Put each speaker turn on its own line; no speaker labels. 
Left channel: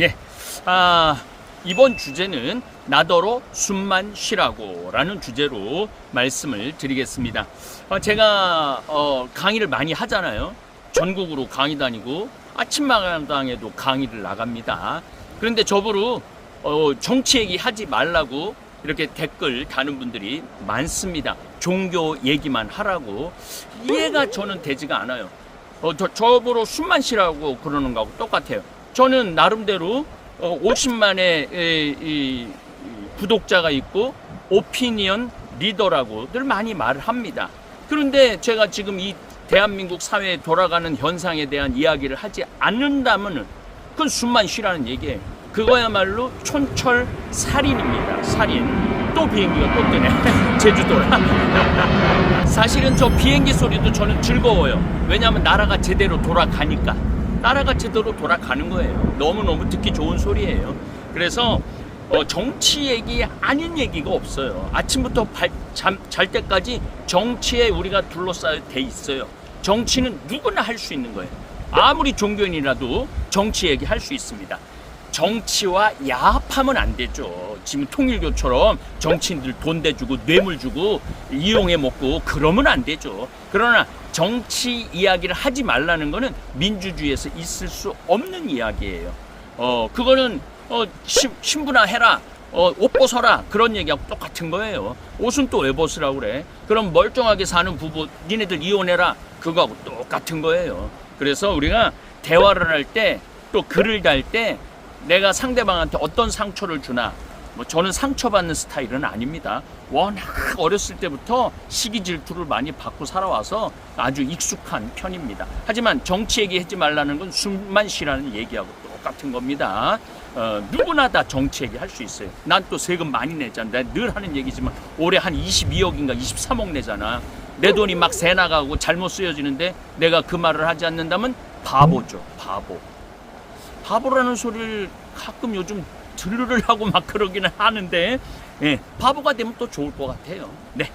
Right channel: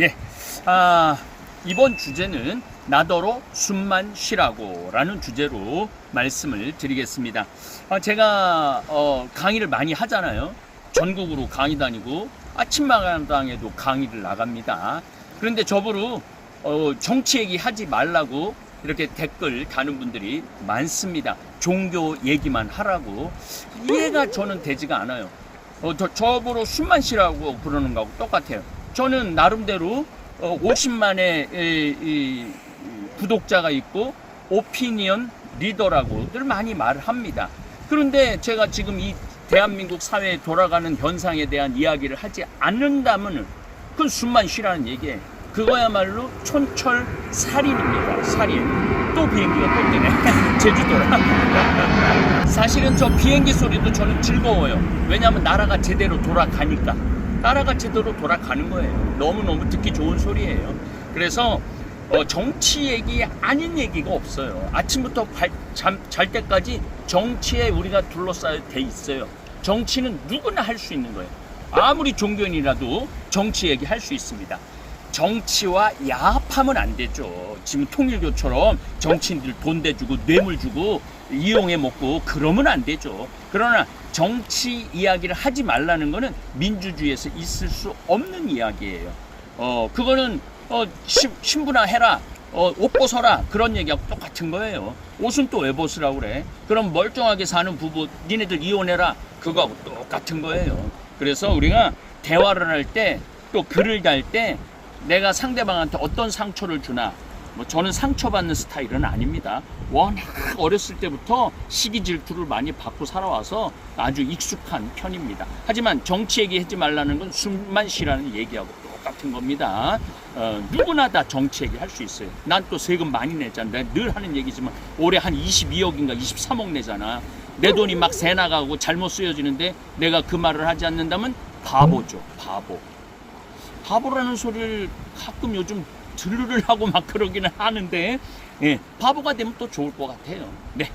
예. 아, 이번 주제는 나더러 숨만 쉬라고 라는 주제로 말씀을 드리겠습니다. 아, 제가 어, 강의를 많이 하잖아요. 전국으로 강의 다니고 아침마당에도 강의를 나갑니다. 그런데 저보고 어, 정치 얘기 하지 말라고 이렇게 댓글 다는 분들이 많습니다. 종교 얘기만 하라고. 이해가 저는 되지가 않아요. 어, 저, 저보러 숨만 쉬라고 그러는 거하고 똑같아요. 저는 나름대로 어, 50만의 이, 이, 구독자가 있고 오피니언 리더라고 늘 많이 말을 합니다. 그런데 제가 지금 이 대한민국 사회에 돌아가는 현상에 대한 이야기를 하지 않는다면 그건 숨만 쉬라는 얘기예요. 그거야말로 촌철 살인입니다. 살인. 또 비행기가 또 뜨네. 제주도라. 사실은 저 비행기 소리도 저는 즐거워요. 왜냐하면 나라가 제대로 돌아가니까. 나라가 제대로 돌아가는 거예요. 너무너무 듣기 좋은 소리예요. 그래서 어, 정치 얘기 아닌 얘기가 없어요. 아침부터 발, 잠, 잘 때까지 정치에 우리가 둘러싸여 돼 있어요. 정치는 누구나 할 수 있는 거예요. 아무리 종교인이라도 정치 얘기 할 수 있습니다. 정치와 야합하면 안 되죠. 지금 통일교처럼 정치인들 돈 대주고 뇌물 주고 이용해 먹고 그러면 안 되죠. 그러나 정치 이야기를 하지 말라는 거는 민주주의에서 있을 수 없는 이야기예요. 어, 그거는 어, 신, 신부나 해라. 어, 옷 벗어라. 그런 얘기하고 똑같은 거예요. 옷은 또 왜 벗으라고 그래? 그럼 멀쩡하게 사는 부부, 니네들 이혼해라. 그거하고 똑같은 거예요. 그래서 우리가 대화를 할 때, 또 글을 달 때, 내가 상대방한테 어떤 상처를 주나, 뭐 저는 상처받는 스타일은 아닙니다. 워낙 어렸을 때부터 시기 질투를 많이 받고 살아와서 아주 익숙한 편입니다. 하지만 정치 얘기하지 말라는 건 숨만 쉬라는 얘기하고 똑같은 겁니다. 어, 누구나 다 정치 얘기 할 수 있어요. 난 또 세금 많이 내잖아. 내가 늘 하는 얘기지만 올해 한 22억인가 23억 내잖아. 내 돈이 막 새 나가고 잘못 쓰여지는데 내가 그 말을 하지 않는다면 바보죠. 바보. 바보라는 소리를 가끔 요즘 들으려고 막 그러기는 하는데 예, 바보가 되면 또 좋을 것 같아요. 네,